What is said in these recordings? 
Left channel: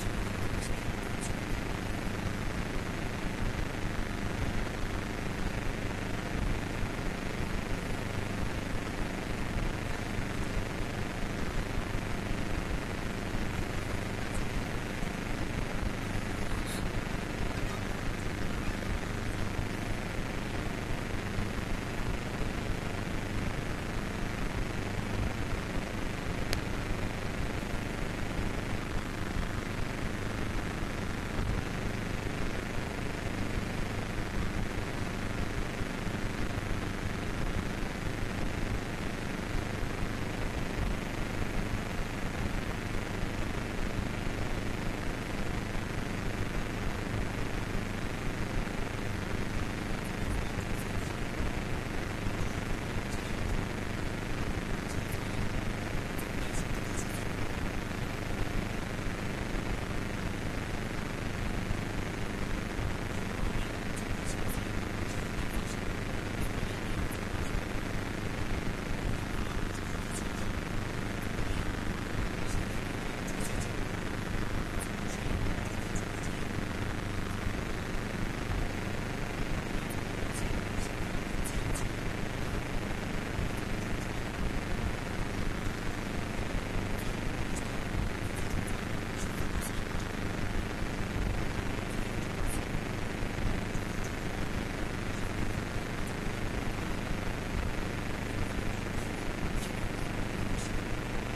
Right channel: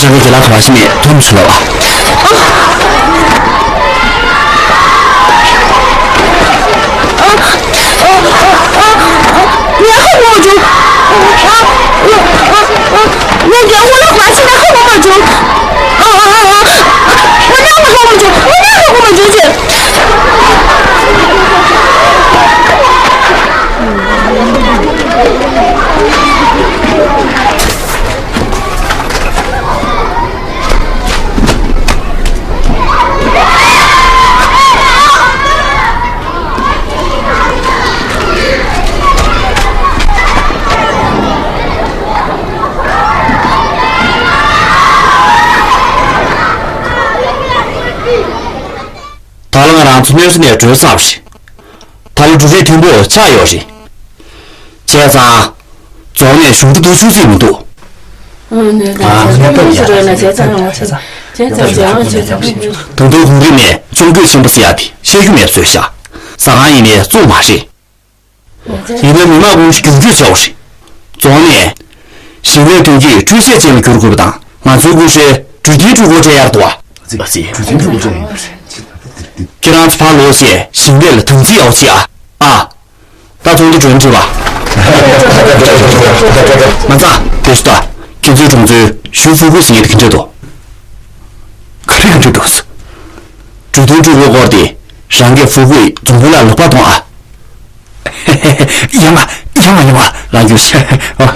这个给拉团下面吞不出来吧？你后我就你给我的关系来后我就我哪个后我就去。他那个人从那是那主啥不是？他的主持听不加油是？现在昨年兄弟都出这么多。等到红里面中国行不是呀的，先去面说下，上海一面做嘛事？因为民办公是根据教训，昨年新闻统计这些节目够不当，满足公是主题主国这样多。这个是主题主国这样。这样子怕落线，新闻了统计要起啊！大众的准知吧？慢子，别说了，现在种子修复过新的很多，可能很多是。主题主国搞的，上个复会总共来600多啊！嘿嘿嘿，一样嘛，那就是啊。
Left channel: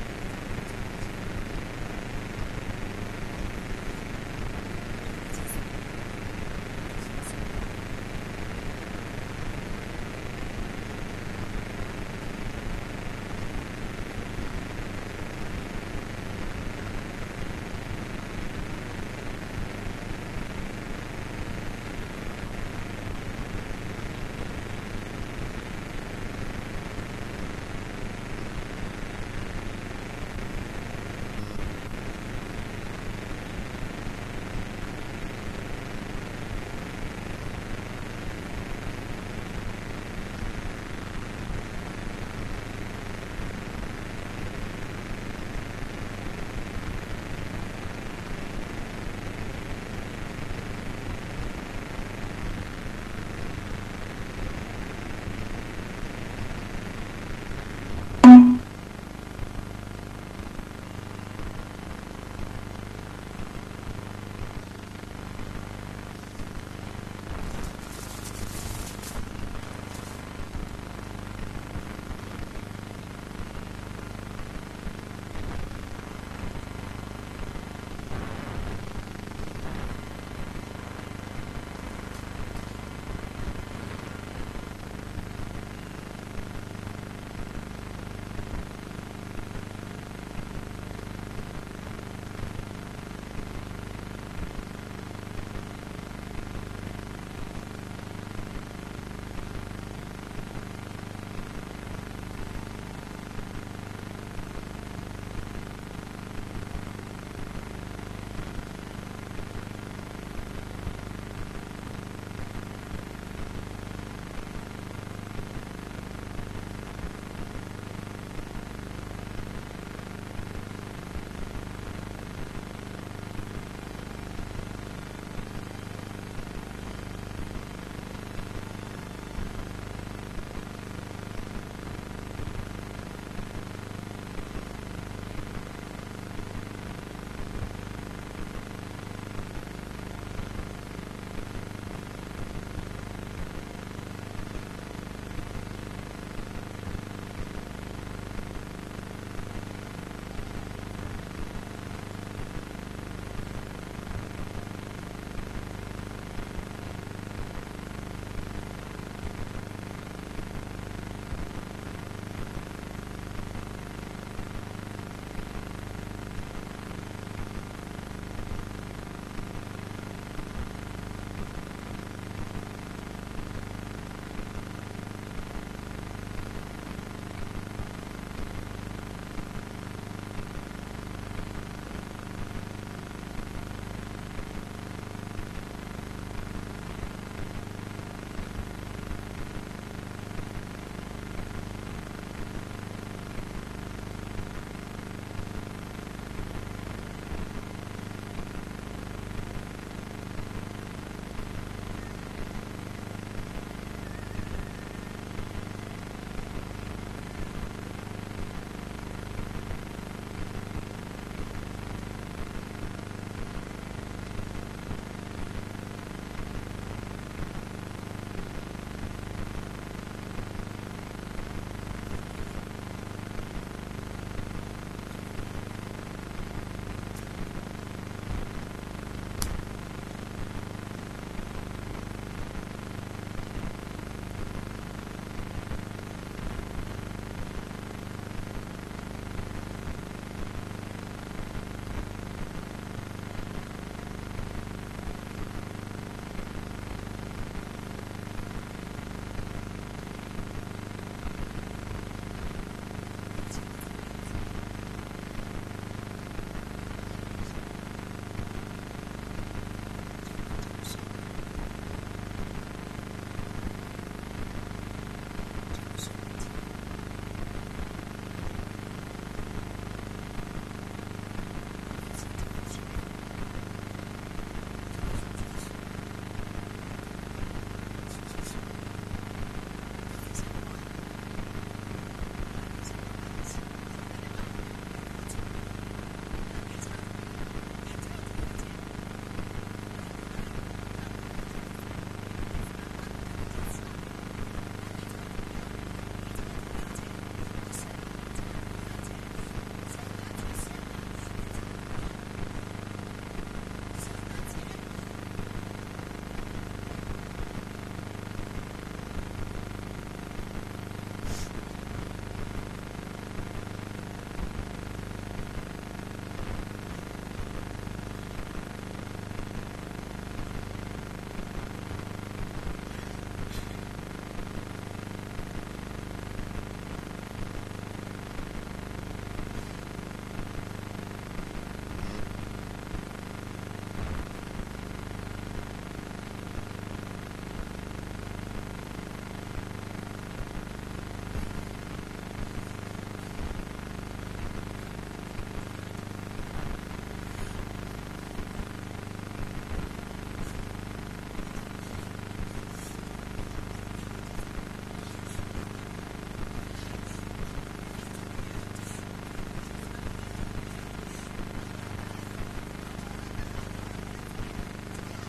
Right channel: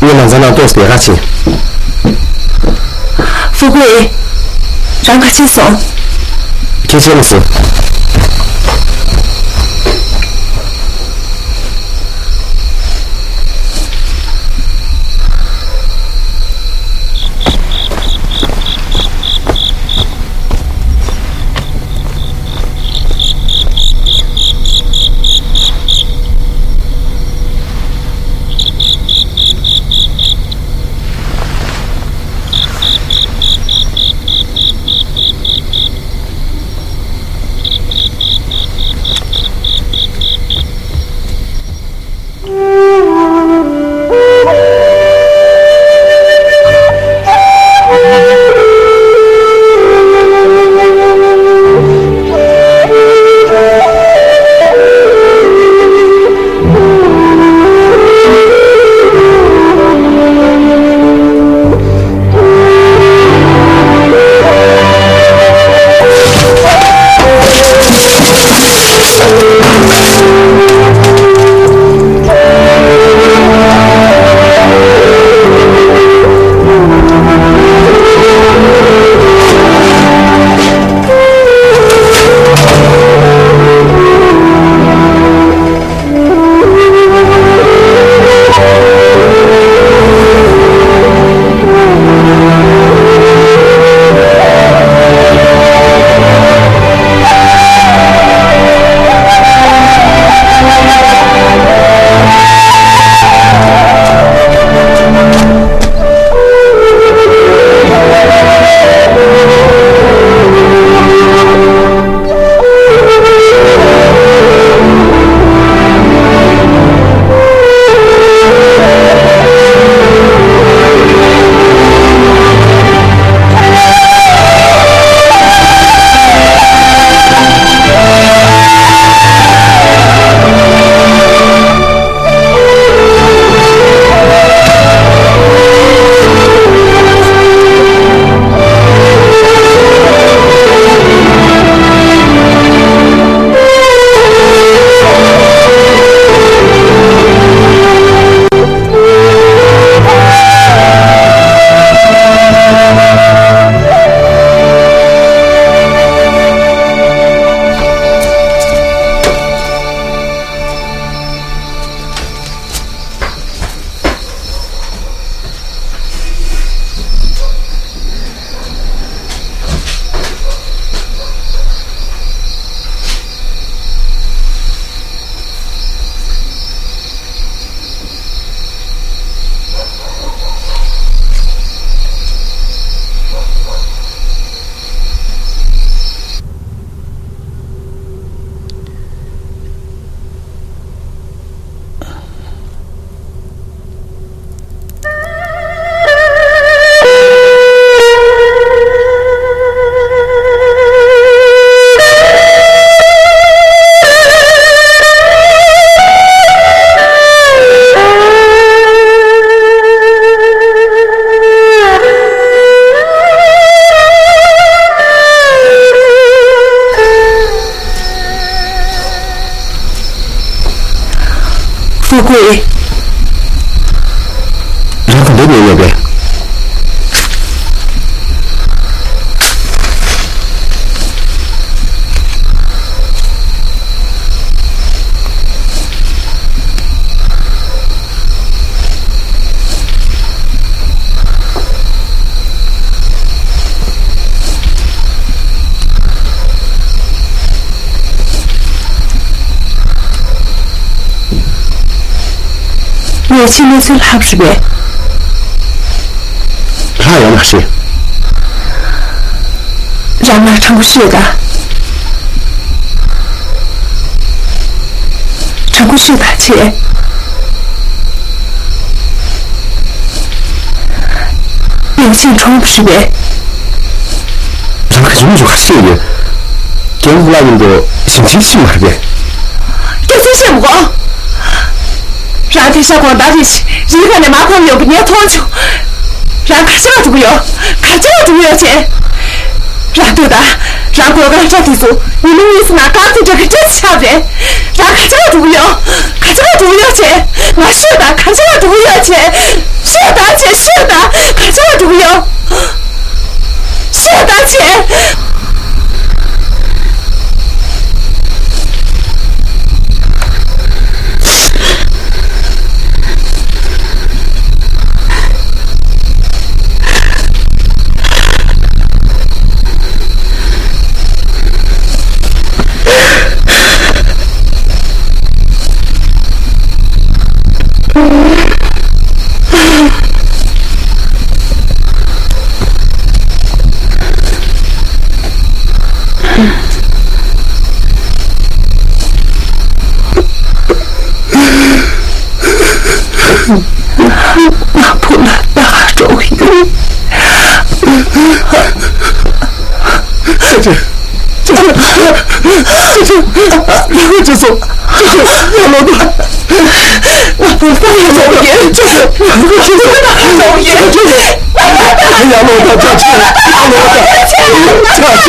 我们在那多少钱？富贵，赶快去送。开车的事。贵，然后那边要不要？我今天最拉不是呗？啥样的事？让妈唱不是的，唱不是的姐，有钱唱不是呗？让个人就还是的，江湖那人的心情起码是呗？有钱羡慕我。让天下广大人士，日本的马朋友不念托求，让看起来就不要，看起来就不要钱，让对的，让国家这地主，你们意思拿钢铁这个真下边，让看起来就不要，看起来就不要钱，那是的，看起来就不要钱，是的钱，是的，看起来就不要，是的钱。拿破仑大周瑜，这是杨老大，拿破仑大周瑜，这是杨老大加钱，杨老大加钱，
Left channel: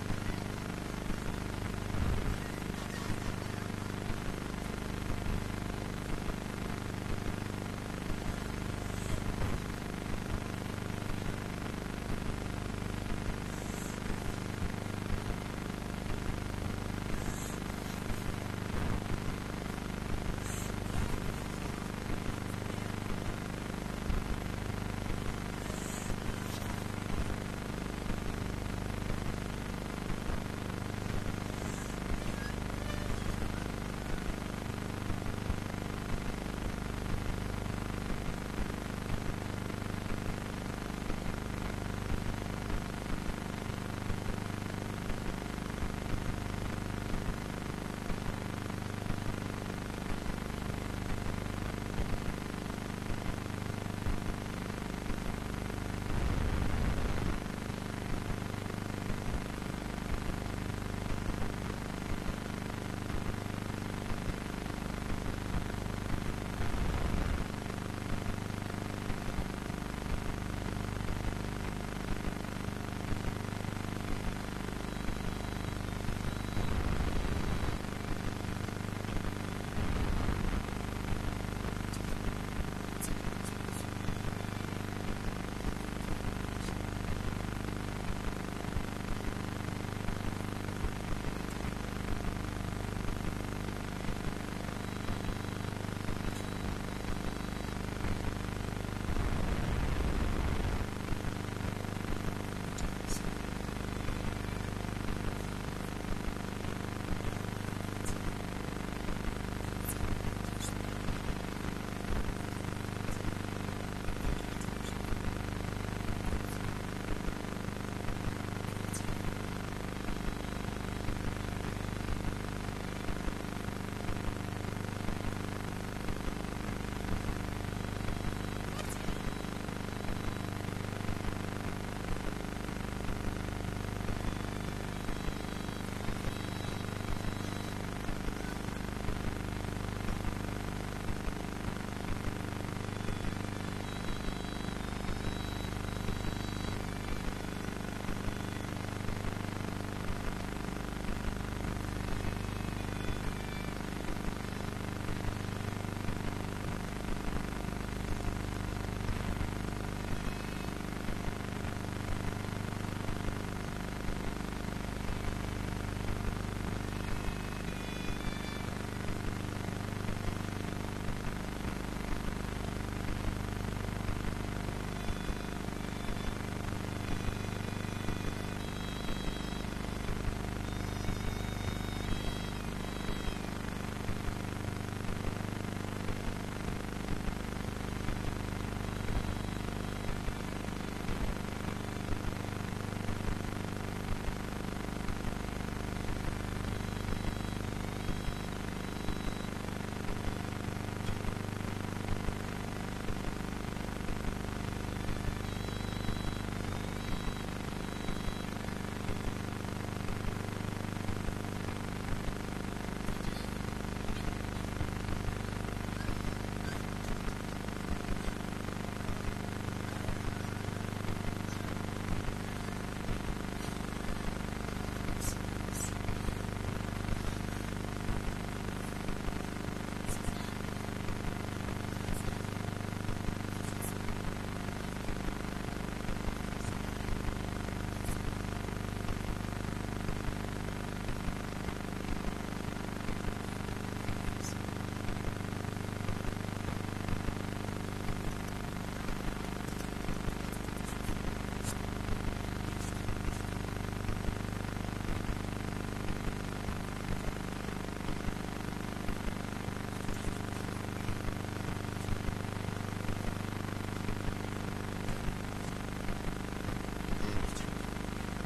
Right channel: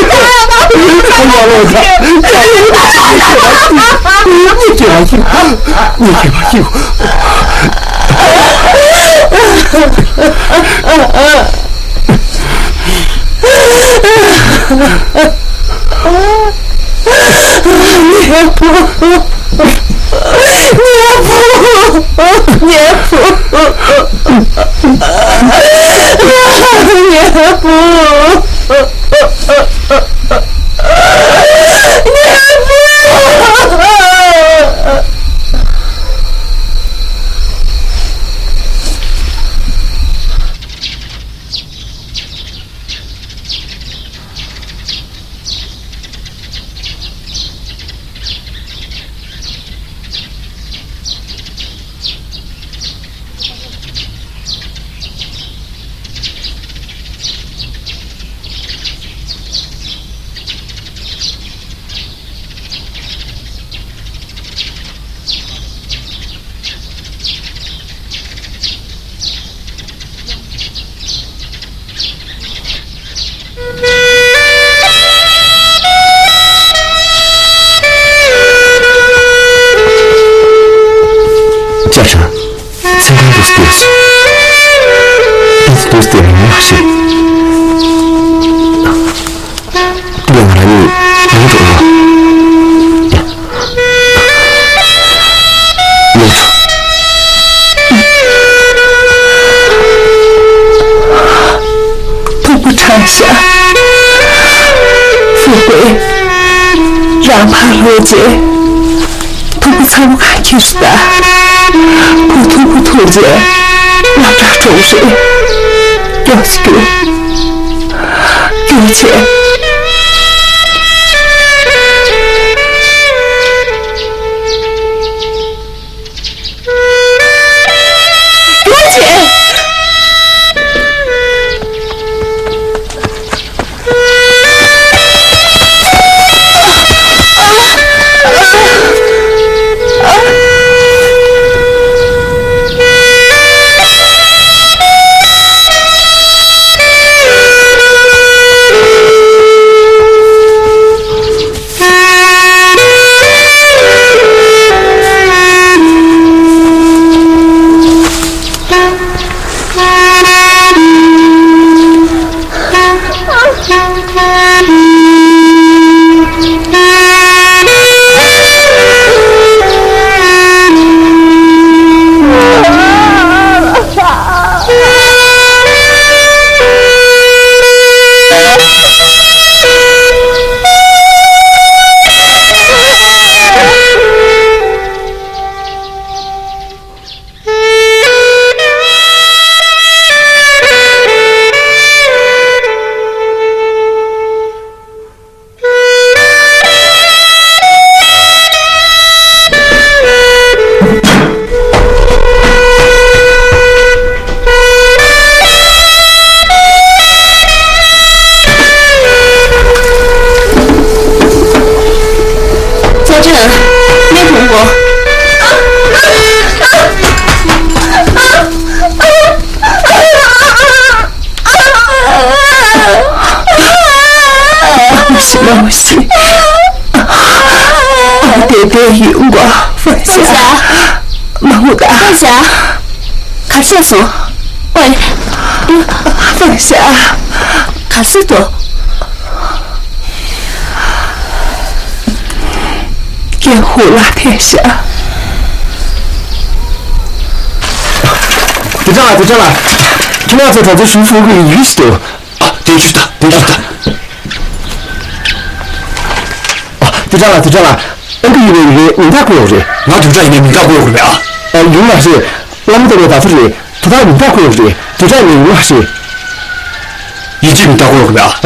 你给我衣服，你给我衣服。Jaša, sem ga dostojus. Bez dostojega naši. Dia ngarani muncul. Ya. Muncul. Tunggu Tasha. 富贵，让怕罗杰，都不参看去是的。不吐姐，让这周水，要是给我钱。老西，爹爹用过，放下，忙不打，放下，卡厕所，喂，放下，卡斯多，掩护了天下。队长啊，队长啊，今晚在这这舒服个浴室头啊，对去的，对去的。啊，队长啊，队长啊，那个因为民大过日，我队长因为民大过日啊。用那是，我们这个大夫是，他民大过日，队长因为用那是，一直民大过日啊。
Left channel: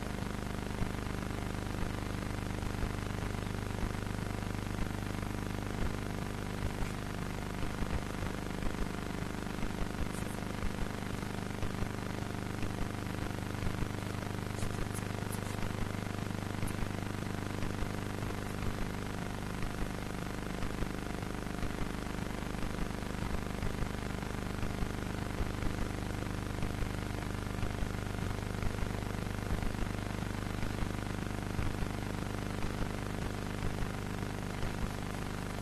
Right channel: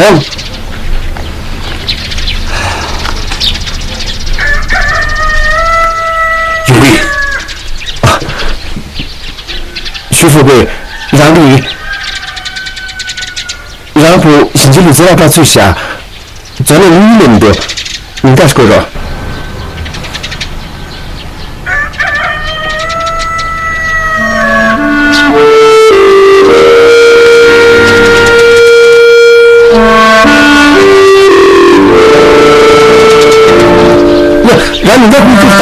因为。徐富贵，然后星期六在那边最下，咱们女人的，应该是够着。然后你在工作上。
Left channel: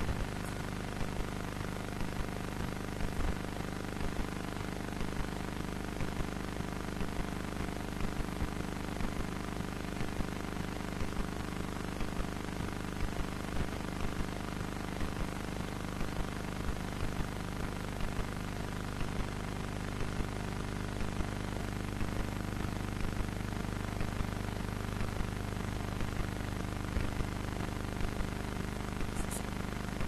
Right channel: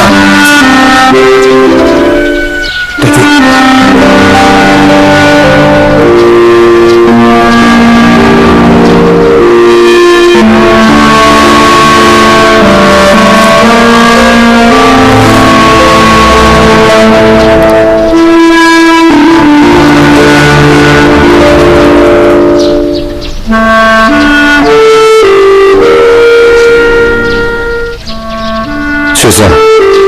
学生，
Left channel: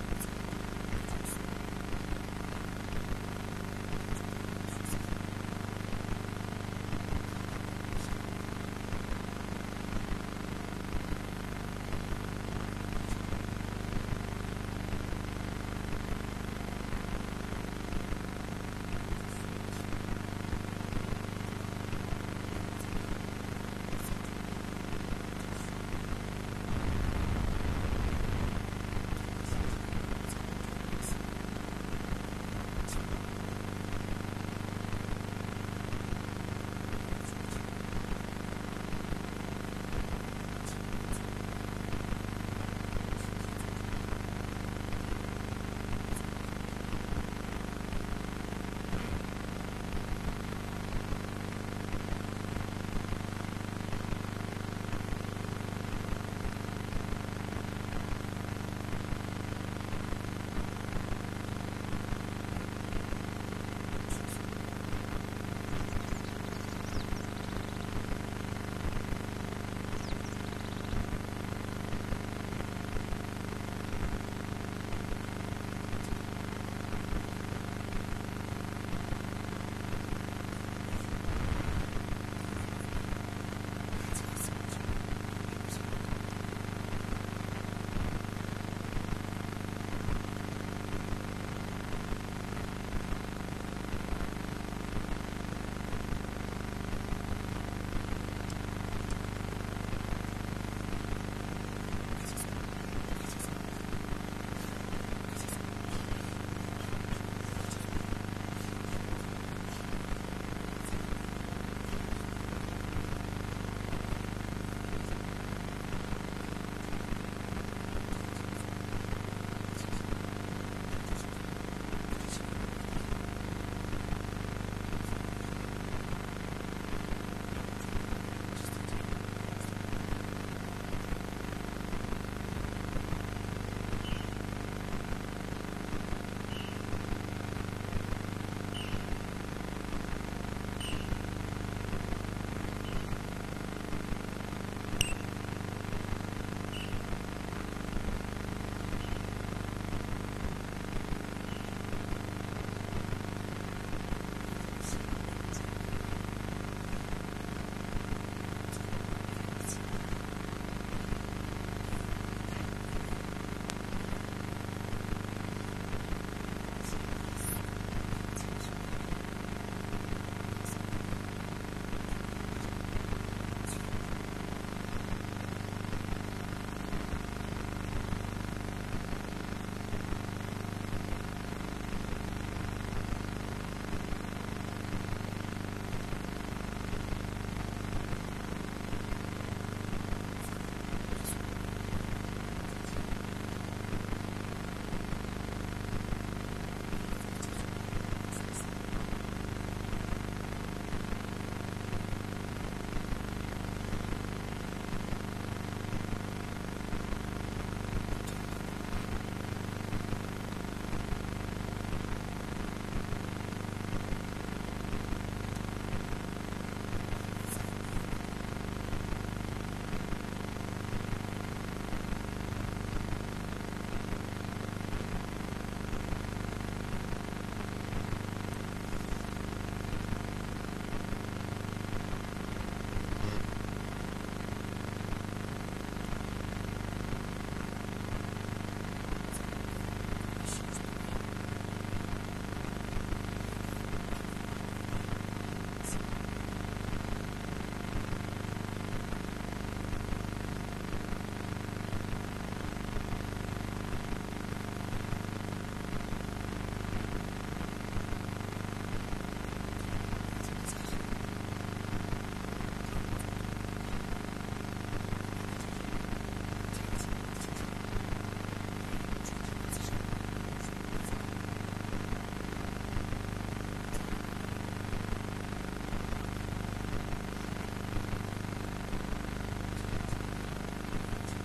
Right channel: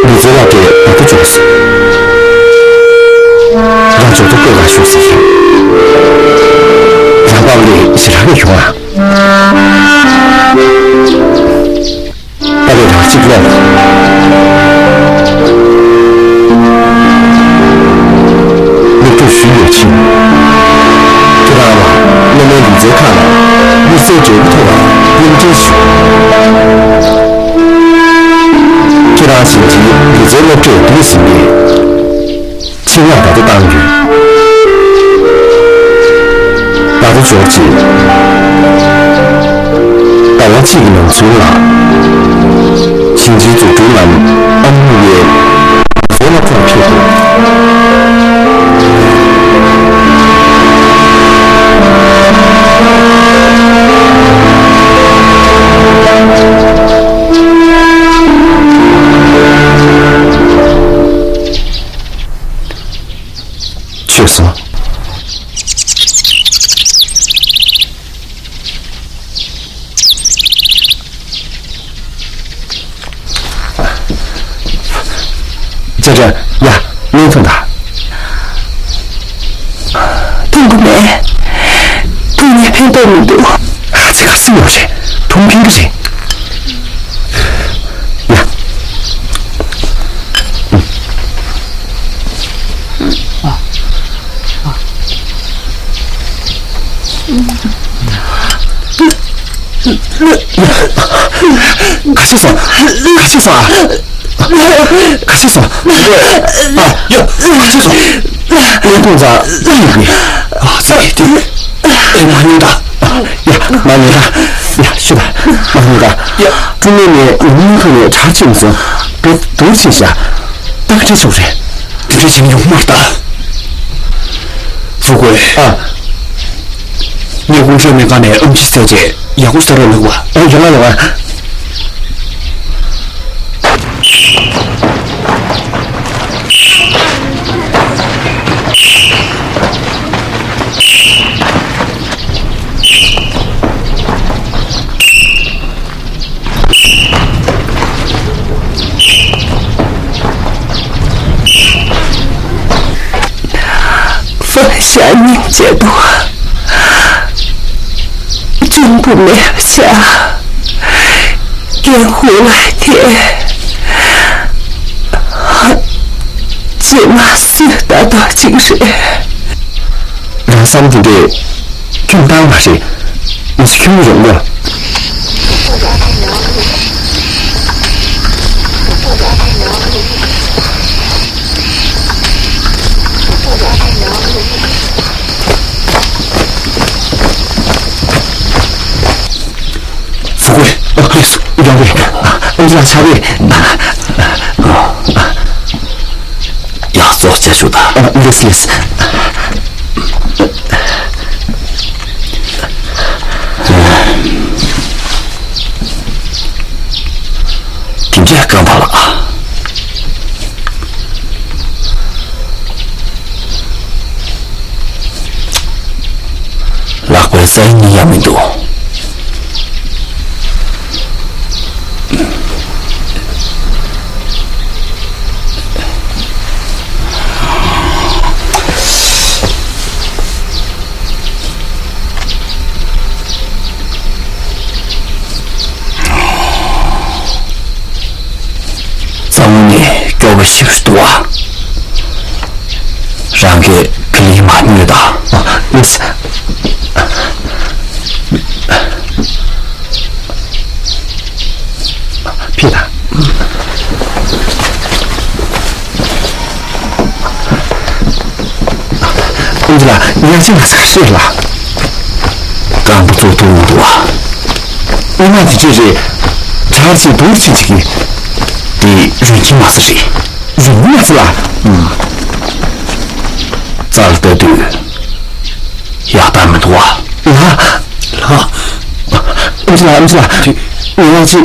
你这要给哪个角色？让觉得各个学生，让把你是哪个用啊？把你让记不了。你不需要钱，知道吗？那么你再看了，你手指不痛了，认真学。这段星期，你在我这读心里，千万把它当语，把它着急，把我技能做了，星期做中文，安慰，做了做屁股。确实。在这呀，没痛的。痛过没？痛也偏多没多。这个是有些痛拼的些。가셨어啊！呀，가셨어！连动作一啊，对，蛮牛的，呀，蛮牛的，呀，是的，蛮牛的，呀，中间呢，你可能差劲子，别多听下，大概这就是，这情有嘛的。富贵啊，你公司没干的음식小姐，也会star了哇？有啊。放下凝结度，真不留下，掩护来天，今晚死达到精神。让三弟弟更当那些，你是更人了。富贵，杨队，我们下位要做结束的。yes。听见刚到了啊！拉回在你也没动。休息多啊，让给克里马女的啊，没事。别打。安吉拉，你要进来才是了。干不做多么多啊！我那的这是查起多亲戚的，人情嘛是谁？人嘛是啦，咋了得对？呀，咱们多啊！安吉拉，你忘记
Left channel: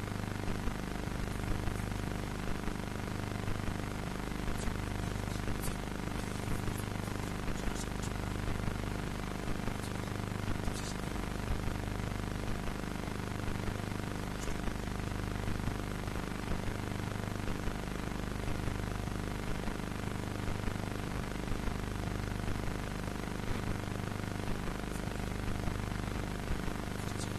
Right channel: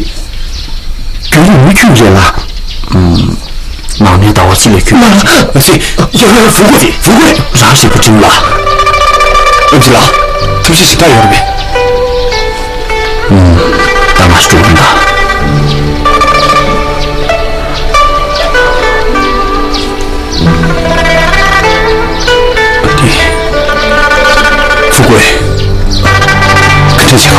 给你们去人了？那你到我这里去。行，要扶过去，啥时不真了？安吉拉，他是谁带的呗？咱们是主人的。富贵，可真行啊！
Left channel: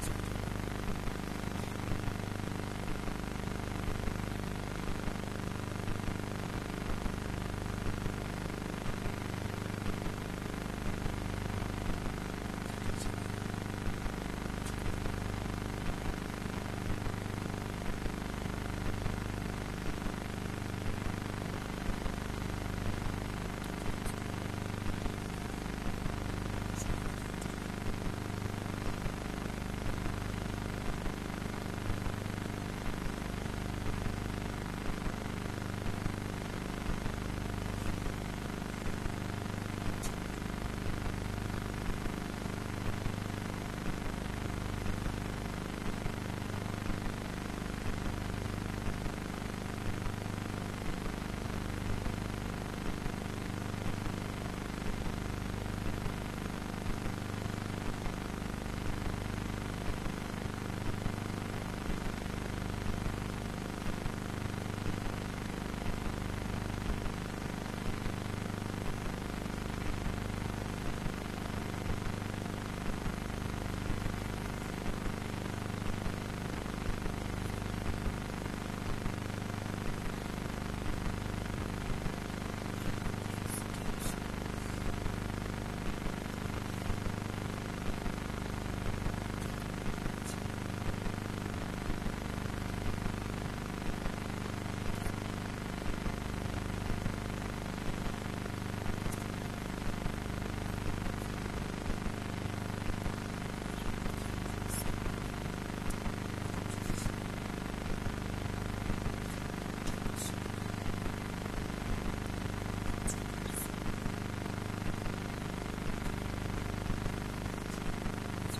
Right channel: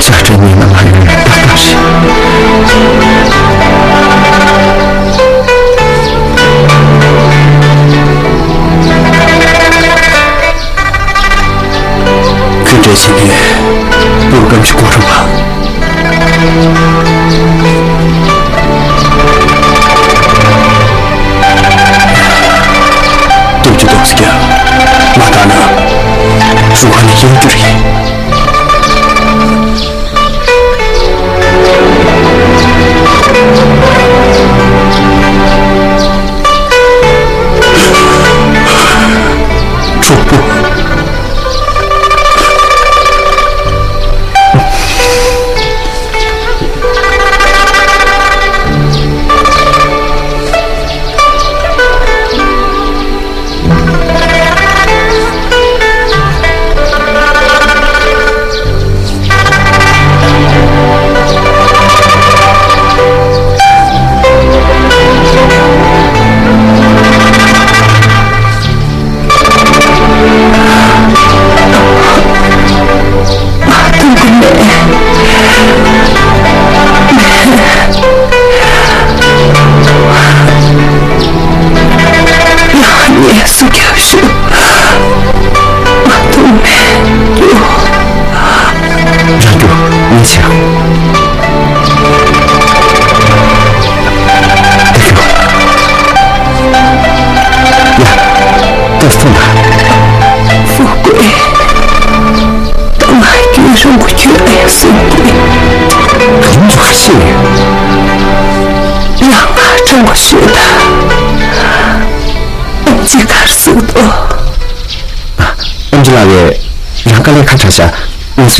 这真你们来人大事。跟这些女，不如跟去过程吧。对不起，马达呢？如何你应对？主播。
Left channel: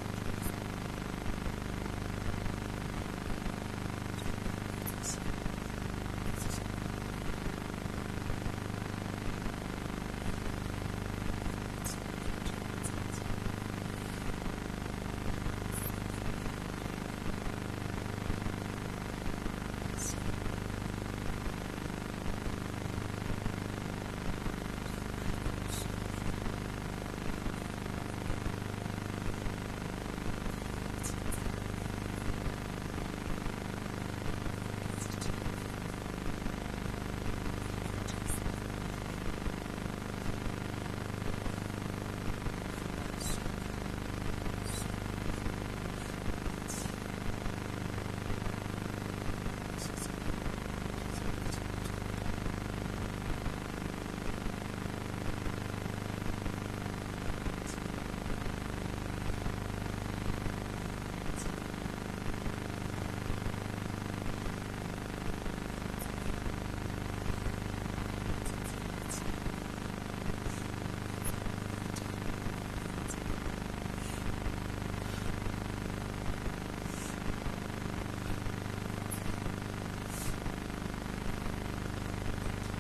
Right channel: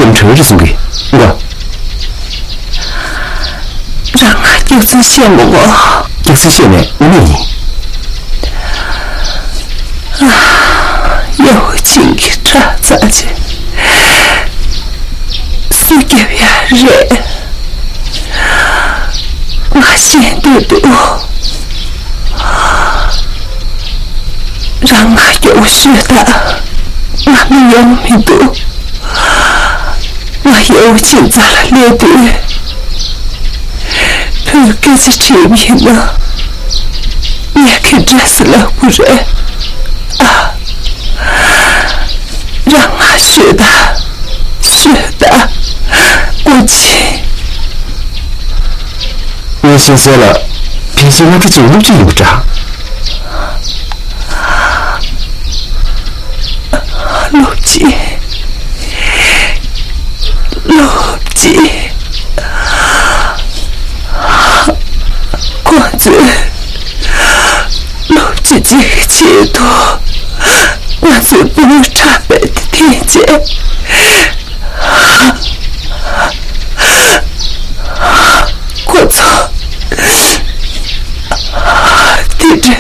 你车子送给我，让俺有真羡慕我，有真羡慕我你。有情的渣渣子，是给别人，我先读读，让俺有学的，俺没有没读。我有情在了列队，不给这这边呢，也可这是了不人啊！让俺学的，过去。我先说了，别这些我这就路就有着。陆记，光子，陆记这个前途，我最不能差白的天见。我操！地震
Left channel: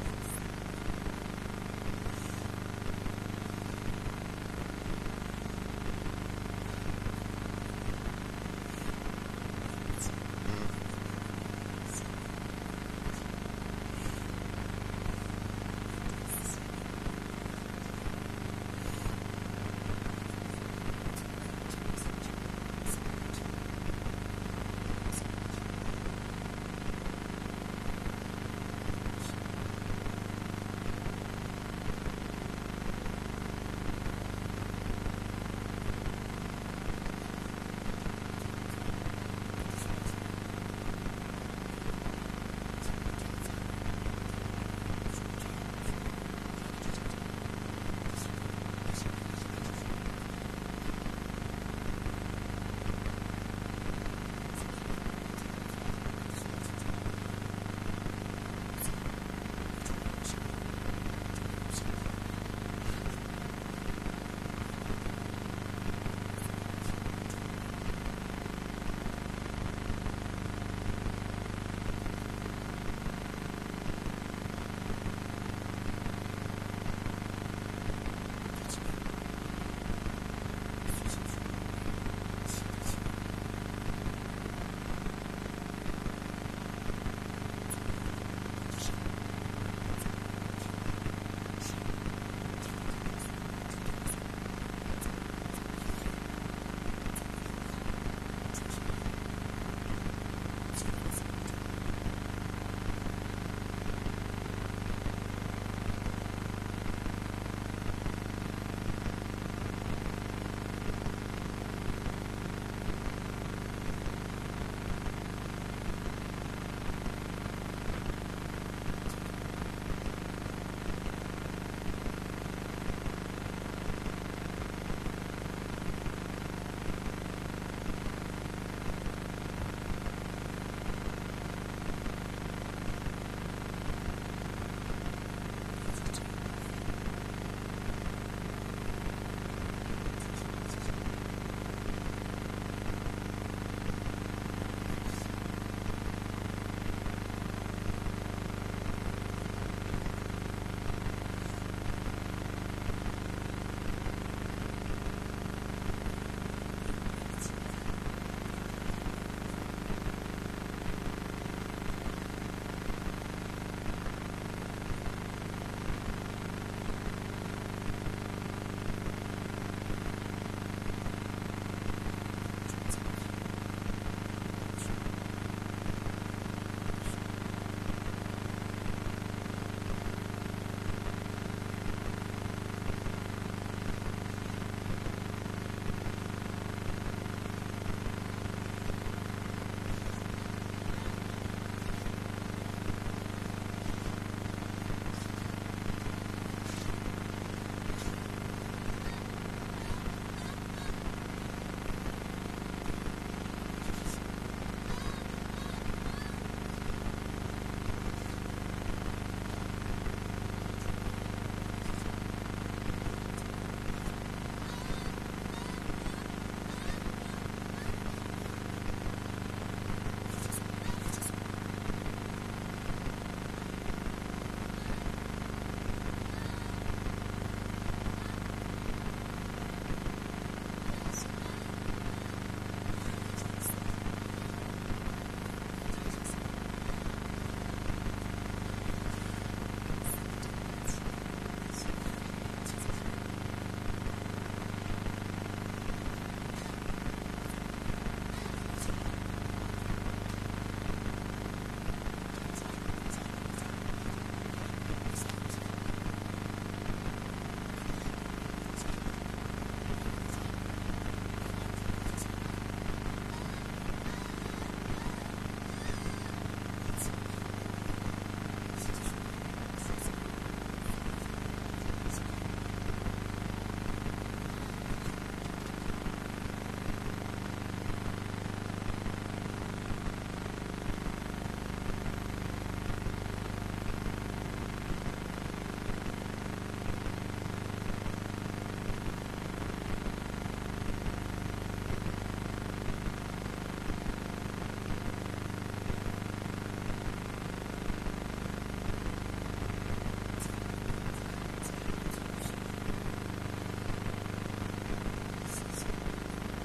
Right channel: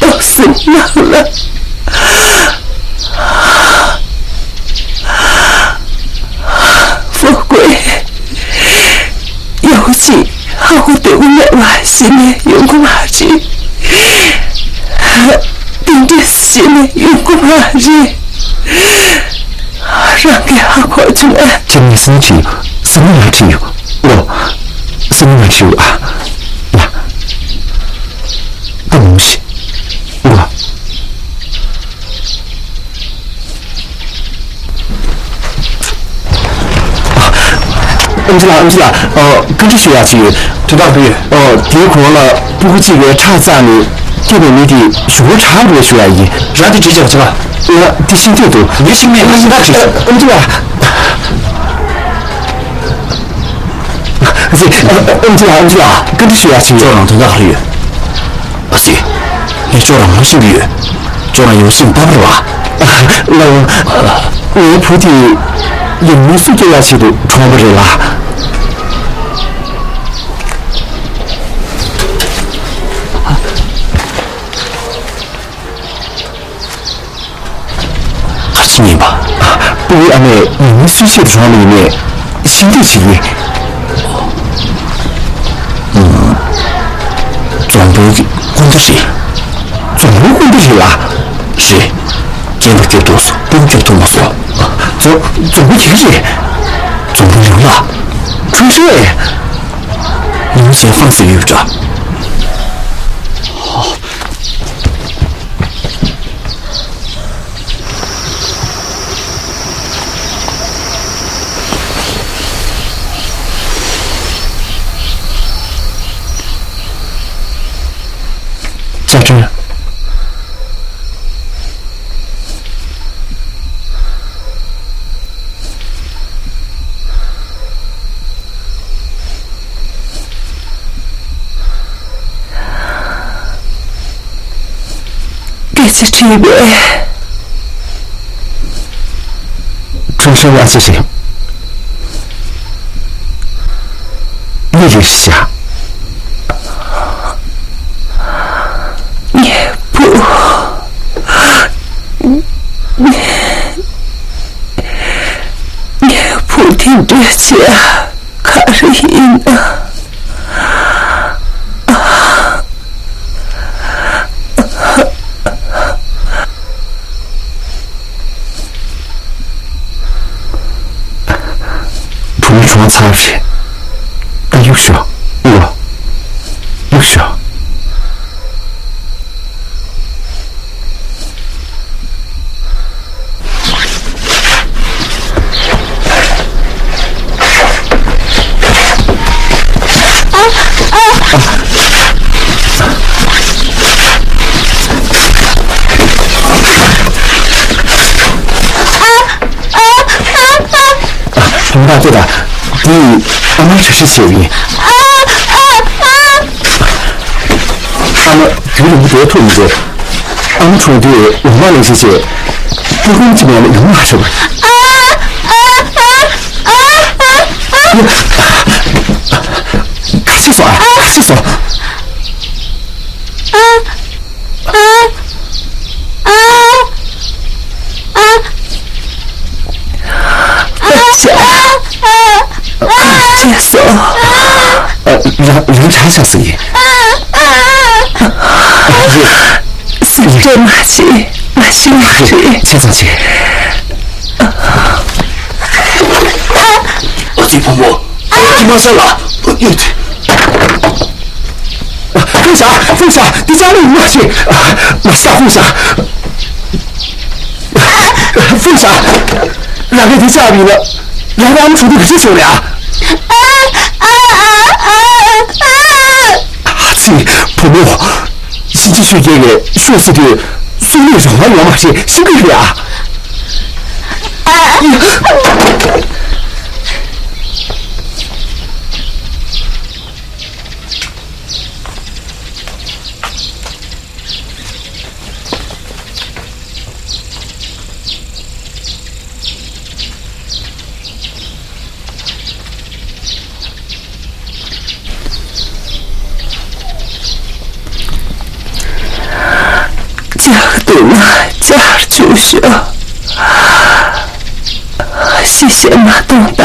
都死亡了。富贵，尤其好对我外心的用功下去，顶着心的用功下去，让给好过去了。这你生气，什么来气？我什么来气啊？呀，不东西，我。恩吉拉，跟着学下去，知道不？别过了，不过几个差咱们这边你的学差不多学而已，让你直接去吧。得心对多，你心里那直接。恩吉拉，恩吉拉，跟着学下去。做人真的好远，阿西，你做人没心远，做人有心不不啊？我菩提有没有做下去都传不着啦。你吧，不为俺们你们书写的窗里面新的企业，总部混的谁？总部混的谁啦？是，见到这多少，不就这么说？总部几个人？总部人了，吹水，你们先放肆有着。家珍，给这这边，春生娃是谁？你认识下？听这些，可是赢了。不是说擦皮，但有效，有效。红大对的，第一，俺们这是幸运。俺们给你们多吐一个，俺们出的我们那些些，不管怎么样的有哪什么？看厕所啊，看厕所。接受。人查小声音。是这马去，马去马去。先上去。金婆婆，你妈上了。凤霞，你家里马去，马下凤霞。凤霞，两个人家里了，两个俺们处的可是久了。自己婆学这个学习的所有上海话嘛是新个学啊。就是谢谢马东达，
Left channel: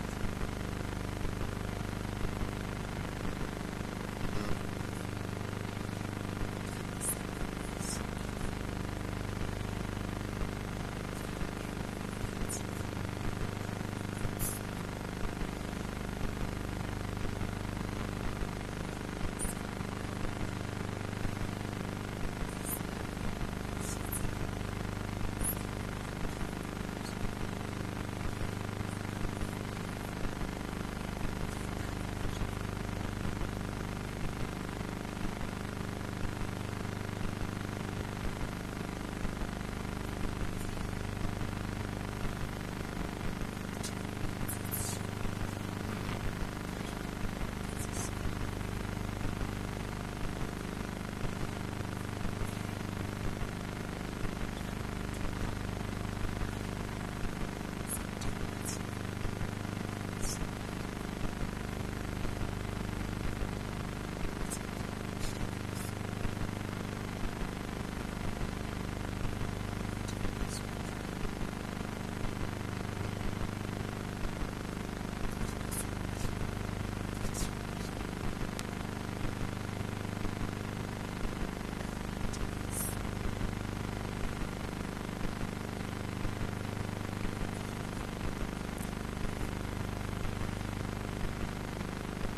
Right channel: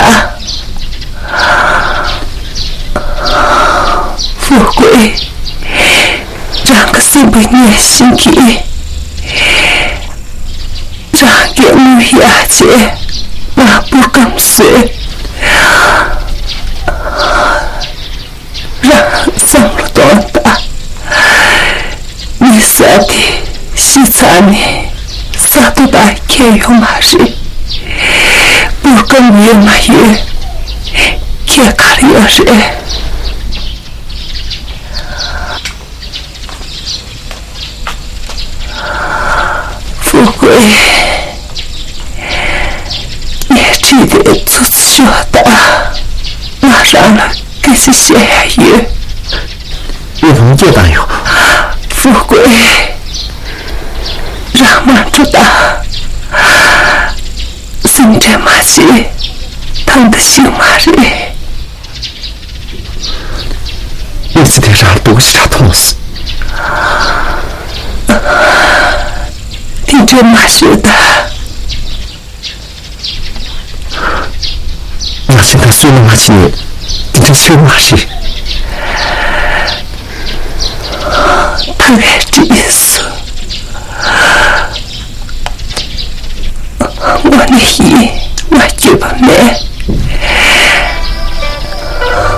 富贵让个心不念心机，让给女亚姐马不跟随，让上了东达，你啥的西餐呢？Satu dah kaya mari, bukan dia mahu kaya karya sih. Fukui, ni cerita tu sudah larang kasi saya. Ini mungkin tak yo. Fukui. Rahman 주다 승재 마치 당드시 말이 일시대라 도시라 통스 딘재 마시다 나现在虽然马起딘재 술 마시 당해 지있어我的意，我就不买。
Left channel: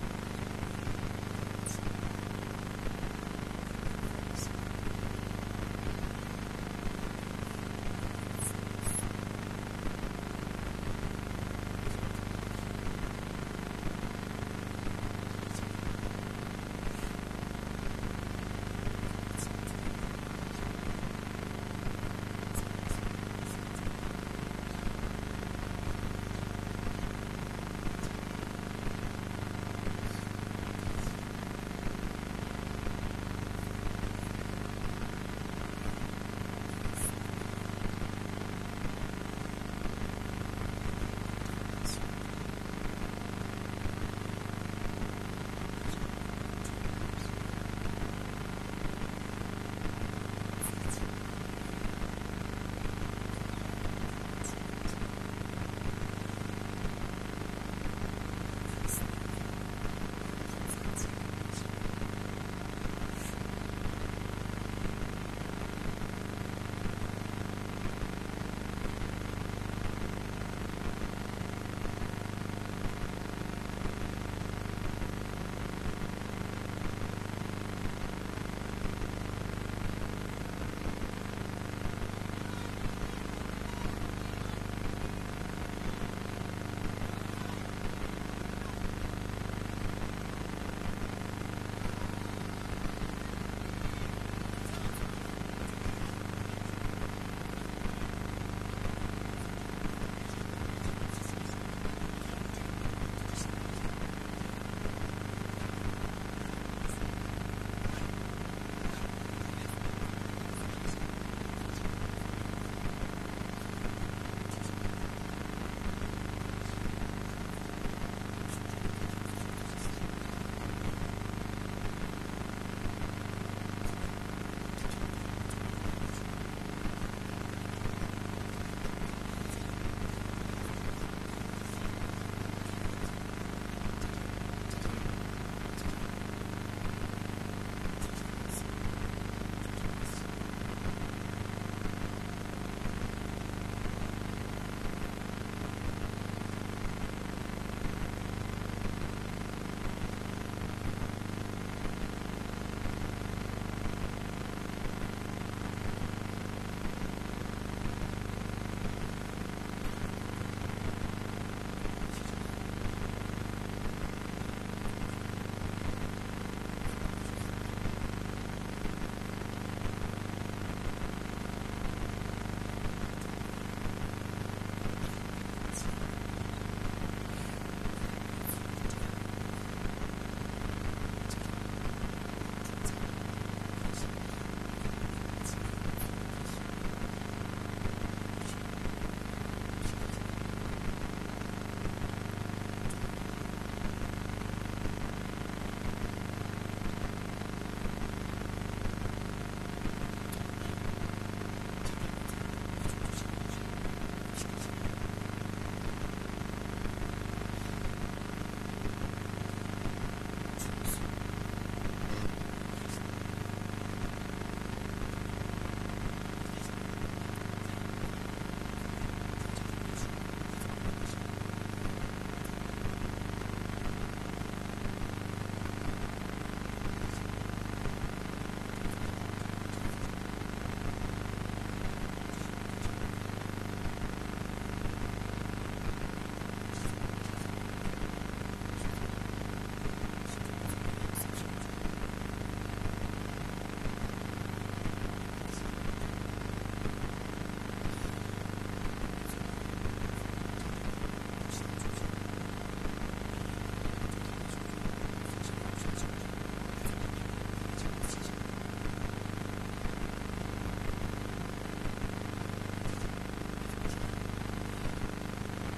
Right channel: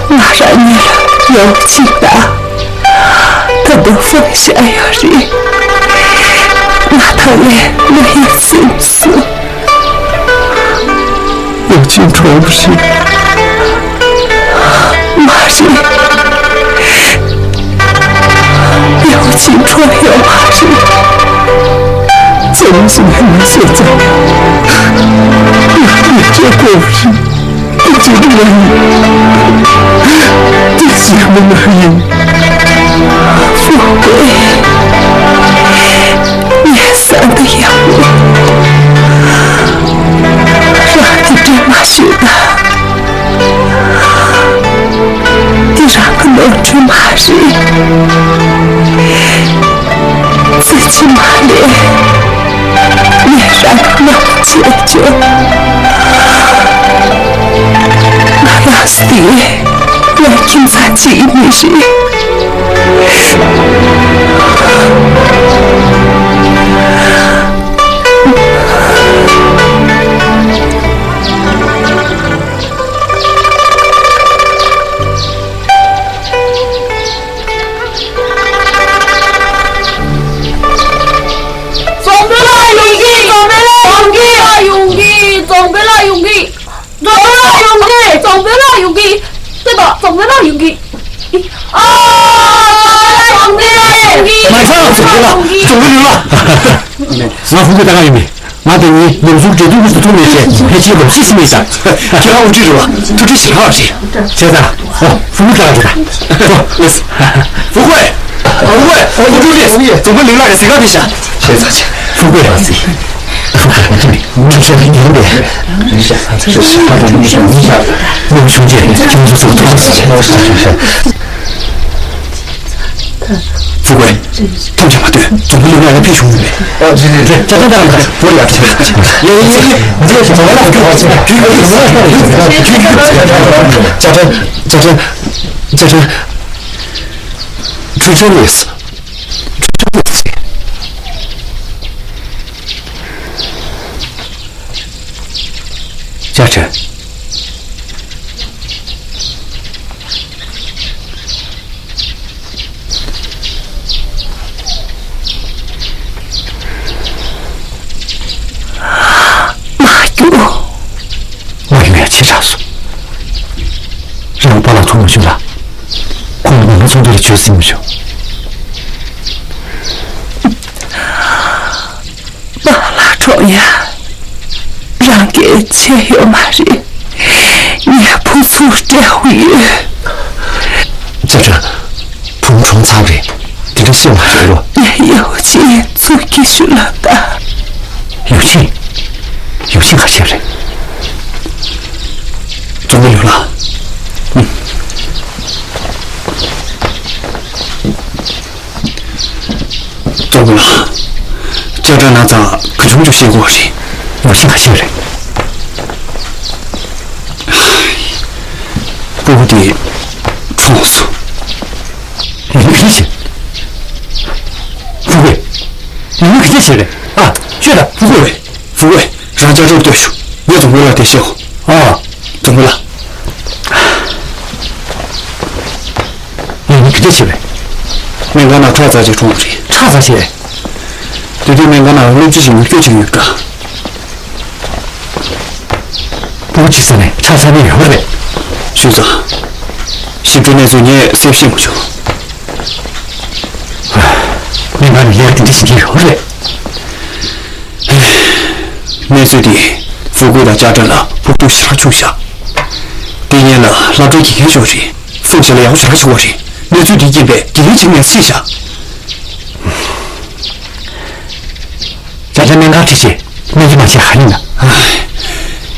我让你了有劲的，他都放下呀人，我他来没有心思，有劲穿不是，马人有劲穿有马人。怎么是你们现在？你这故事，你这个人，你什么原因？富贵，你三个养我，让你这么学的，你让个能去骂人，自己骂脸。脸上没有解决，那要死的，我警察局里是。总得到勇气啊！总的马上总得了，总得了。那富贵大概有没？马等你农村绝对不是东北县，还记得细细没想。挺好，我记住了，就这小二十。现在哦，富贵看来就来。不，富贵，富贵，我助理，总会领导的谁告你想？谢谢大姐，富贵儿子。我这里，这是你的脸，这是他的女兄弟，听说这个多少钱？富贵，他们讲的对，总会有两个弟兄妹。对，这我俩这你这什么了？家珍，追真的意思。家珍，我永远气炸死，让我把老头弄凶了，我们从这里决死英雄。庄呀，让给钱有马人，你不做这回。在这碰撞擦着，这个小马人了。有钱做给学了的。有钱还行人。准备留了。准备了。叫这那咋可终究写过去，有钱还行人。不得重塑。你们可以写。富贵，你们可以写的啊，学的富贵，让家这对手，我准备了得写好。啊，准备了。你们可以写的。没干那查咋就重了去。查咋写？对对，没干那我只是决定一个。不记得呢，查啥没有了呗？学长，习主任做你谁信不就？没把你两个弟弟心里有了。那时的富贵的家长了，不都西拉穷下。第年了，老周一天学习，奉献了要求他学习，那最低一百，第一青年写下。家长没干这些，没就那些害人了。唉，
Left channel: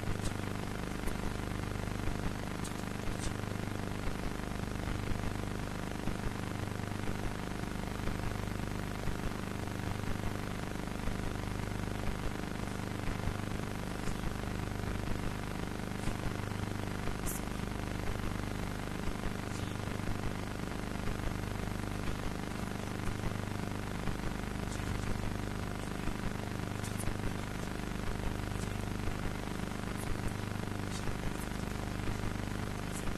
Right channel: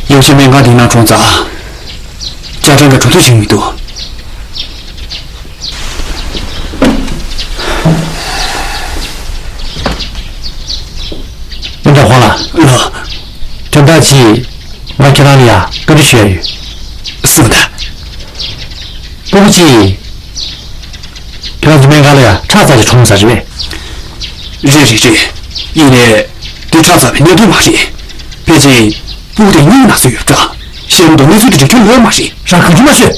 有些没干的那种杂，家长的主动性多。你着慌了？这大气，我去哪里啊？跟着学语。是的。不急，这样子没干了呀？查咋就冲啥子呗？这，一年对查咋没那对马戏，毕竟不得你那是有账，现在你做的这条我马戏，上课就马学，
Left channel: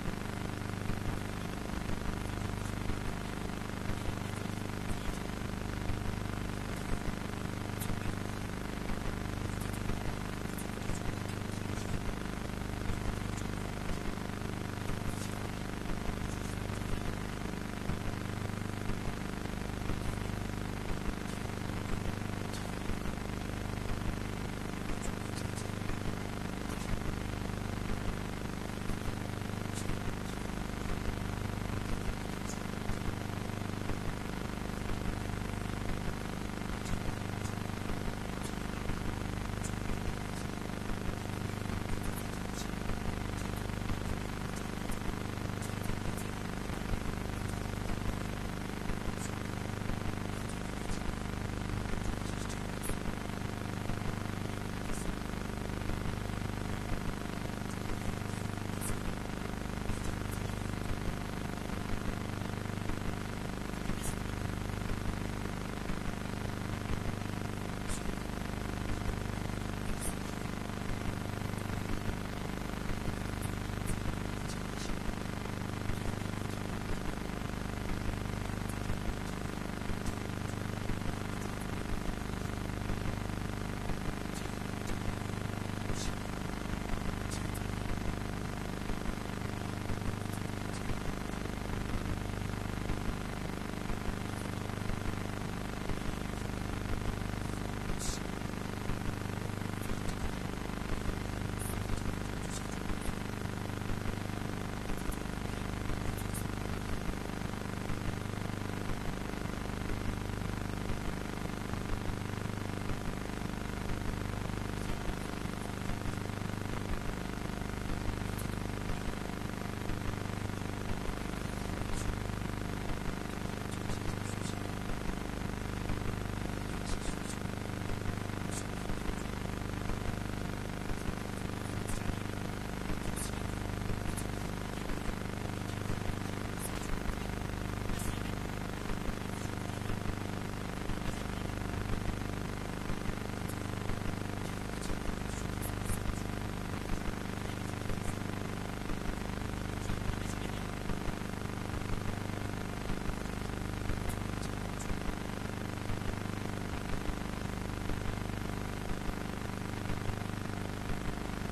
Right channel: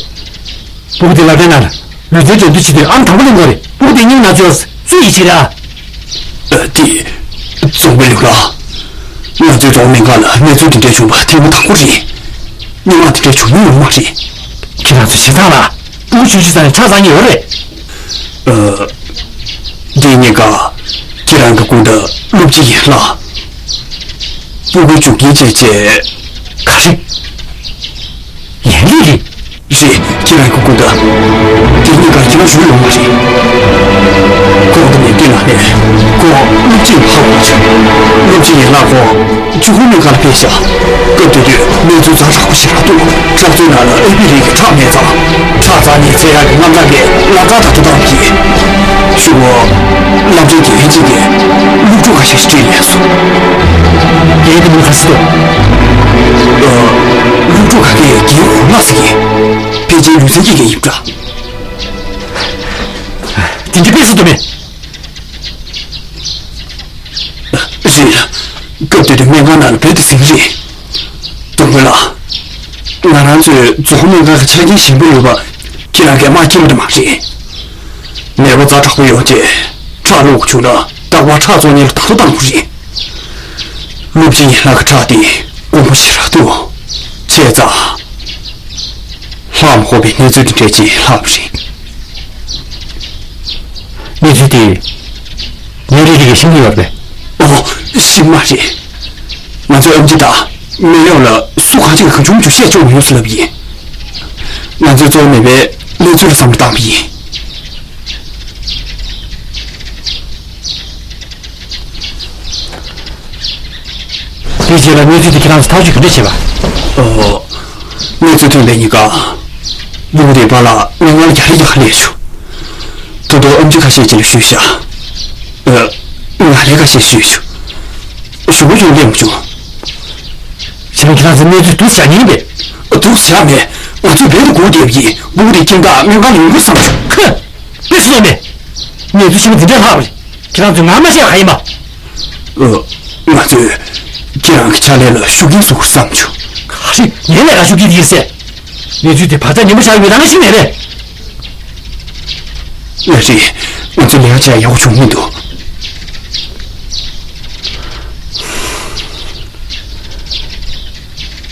不得老在那了，你这就对起对，俺他不能过的，不得你那就是最一起的啊。弟，总没留了。我最终没干了，你做的这群吧，听不堂过去，你妈的这群你有马戏，给他做其他了，不许去咱查咋有嘞。第那个，既然个公的录几年了，不会主给姐姐，可是严厉的，是既然个公的，第那个应属有马戏，公的年纪了呢，公录几好过去，录几年了公，就后面干了别想，对，民族咋查不起来多，这最难了 A B 的一个场面咋，查咋你这样个俺这边，俺咋他都当皮，说俺这点几点，录住还是这严肃，别的没还是多，录住还给结婚那是给，毕竟女生也给有着，顶着别死对面。是，各地的民间难别的生意，懂不了。俺做后面个前景行不了吧？既然给马进的马人，那我咋查会了解？查路去了，但我查做你了，他都当不人。路不那个查的，我不起了多，现在，俺们后边你做的这些，俺不是。你觉得你的这个心里有呗？哦，行嘛是，俺做 M 级大，没有了，苏汉这个很重就写就没有死了毕业。俺就做那边，你做了上面大毕业。理解了，你觉得给他们掏去跟着去吧？你最近那一个，有点把了，我压力也很连续。多多 M 级开始进了学校，俺那个先学学，学不学练不学。现在给他们你都下你呗？都下面，我最别的古典毕业，我得听个民间领域上去。哼，别说了，你就喜欢听这话不是？给他们俺们先还嘛？我就既然下来了，学跟所上去。可是你那个学给的是，你就得趴在你们下面当个心来的。那是，我就了解要求很多。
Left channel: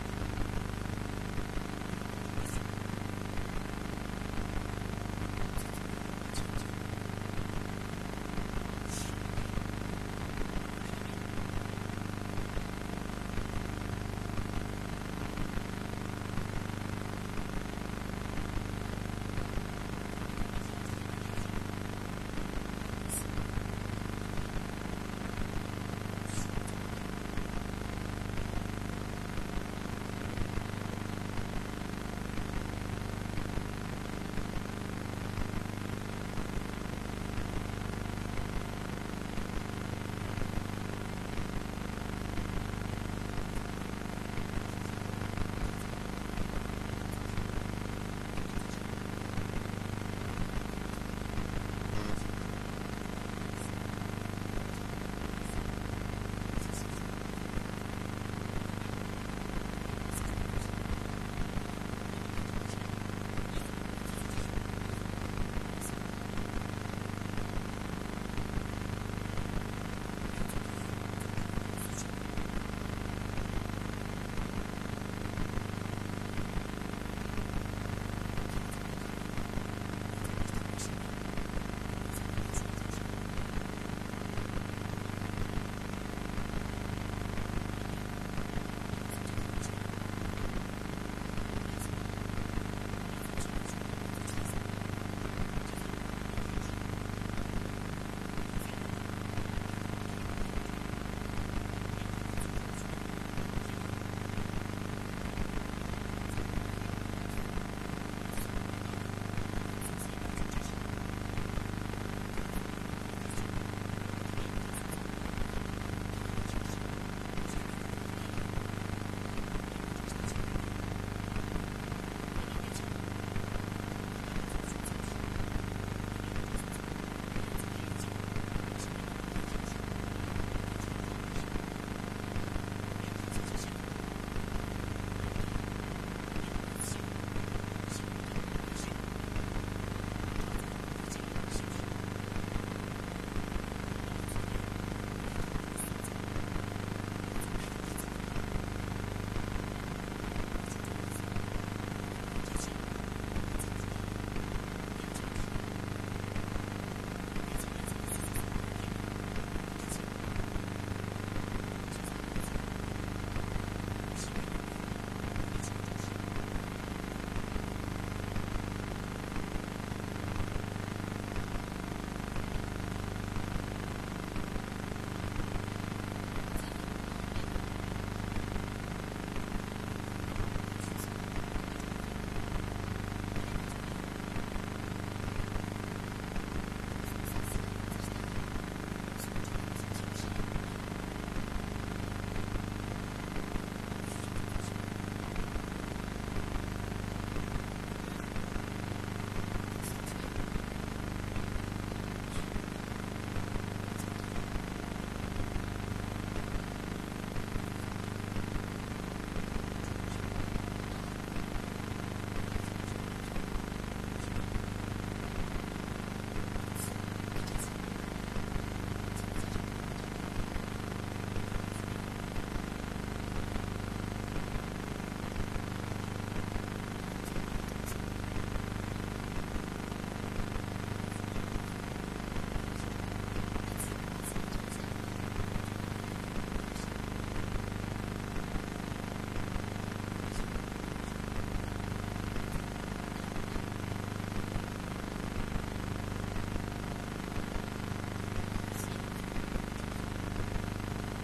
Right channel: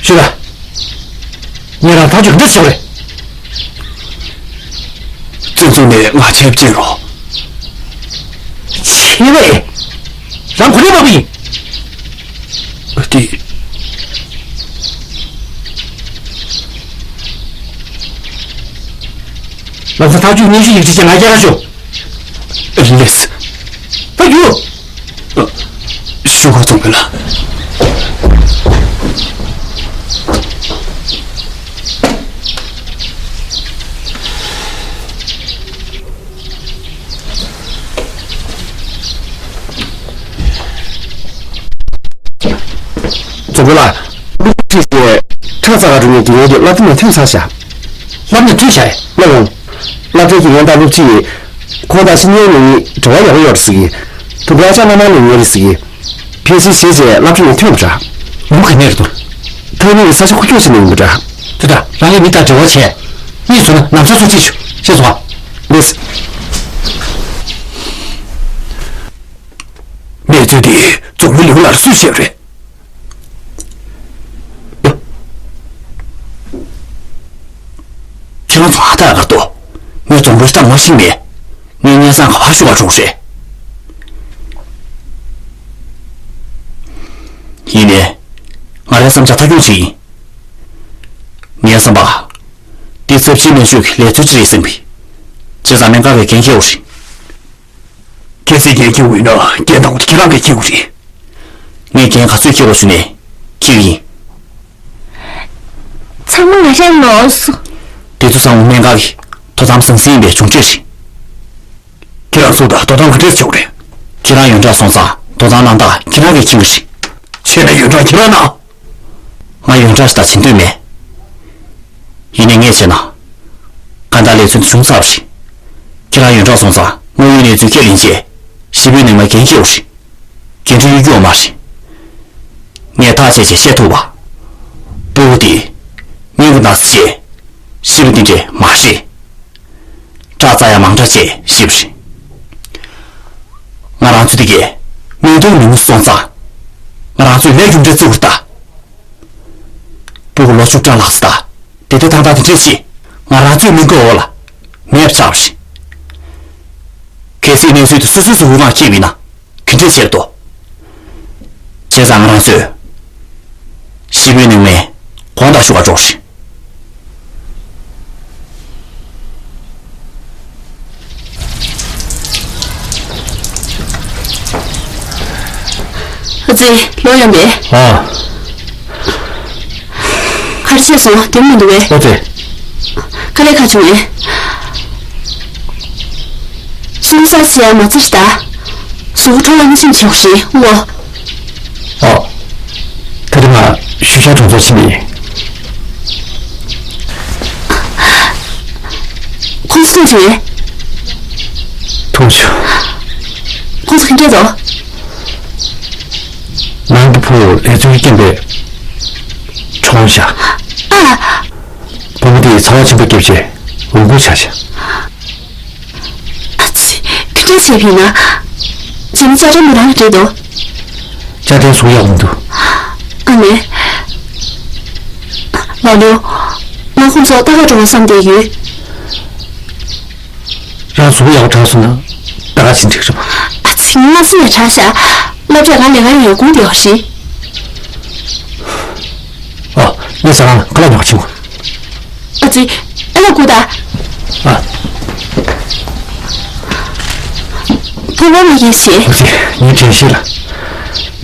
是的，你让他就跟着笑嘞。正宗的俺钱不进了。钱嘞，让苦力不比。老子他就连续一直进来家去。累死！哎呦，学会怎么了？怎么了？这些查查中间经验的，那怎么听啥下？那么听下来，那这几年大陆去扩大新年里主要有事情，都不要讲那么多的事情。平时写写那种听不着，我们肯定是多。他那个啥是会就是能不着，对的。然后你打挣我钱，你说呢？哪时候继续？先说话，没事。灭罪的总会留了数血人。听了抓的耳朵，你总会上我心里，年年三好需要重视。一年，我来参加他游行，年三八，第四批民主来组织的生皮，这咱们搞个研究是，这是研究为了电脑的其他个研究，你研究最研究是呢，究竟。咱们那些老师。地图上我们搞的，都咱们生生别从这些，其他说的都当个这教的，其他用着送啥，都咱能打，其他个精神，现在用着其他呢，我用着是打亲对面，一年年前呢，看到来村中少时，其他用着送啥，我有年最给理解，西北那么研究时，跟着有嘛时，你大姐姐写图吧，不的，你不拿写。是不是这马是？这咋样忙着些？是不是？我让做的个，面对民算啥？我让做来用着做的，不过老主张老师的，对他的这些，我让做能够了，没有啥事。可是年岁的岁无法见面呢，肯定些多。现在我让做，西北人们黄大学个重视。儿子，老杨梅。啊。开始写什么？点名的喂。儿子。开来看出来。什么啥事啊？么子是的？苏州人心就是我。哦。他的嘛，徐家种做起名。公司同学。同学。公司很这走。南部铺来自于建北，冲下。啊。我们的曹青被丢弃，无辜下下。可真切皮呢？咱们家长没让这多。家庭所要温度。阿妹，老刘，我工作大概中了3点鱼。让所要招数呢，大家心情什么？啊，请那是也查下。那这俺2个人有公调是？哦，那啥呢？过来聊情况。儿子，那姑的。啊。跟我们也写。不行，你真是了。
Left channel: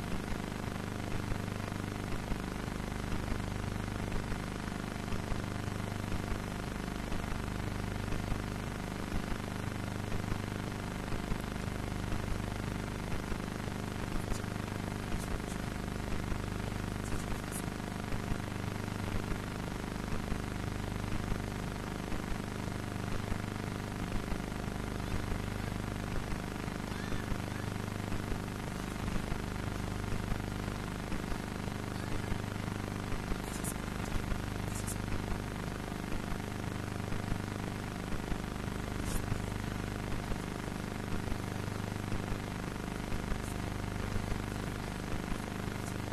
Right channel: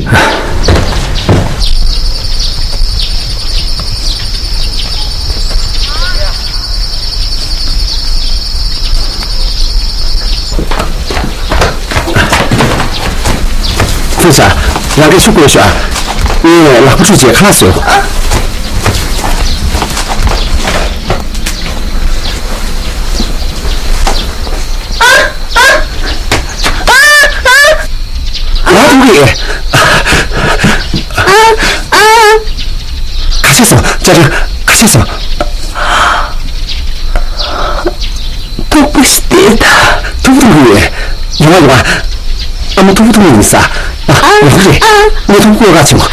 啊。分享，让给出国学，因为拿不出去看书。拿东西。看些什么？家长，看些什么？都不是对的，都不同意。有啊，俺们都不同意思啊。啊，我不是，我同过个情况。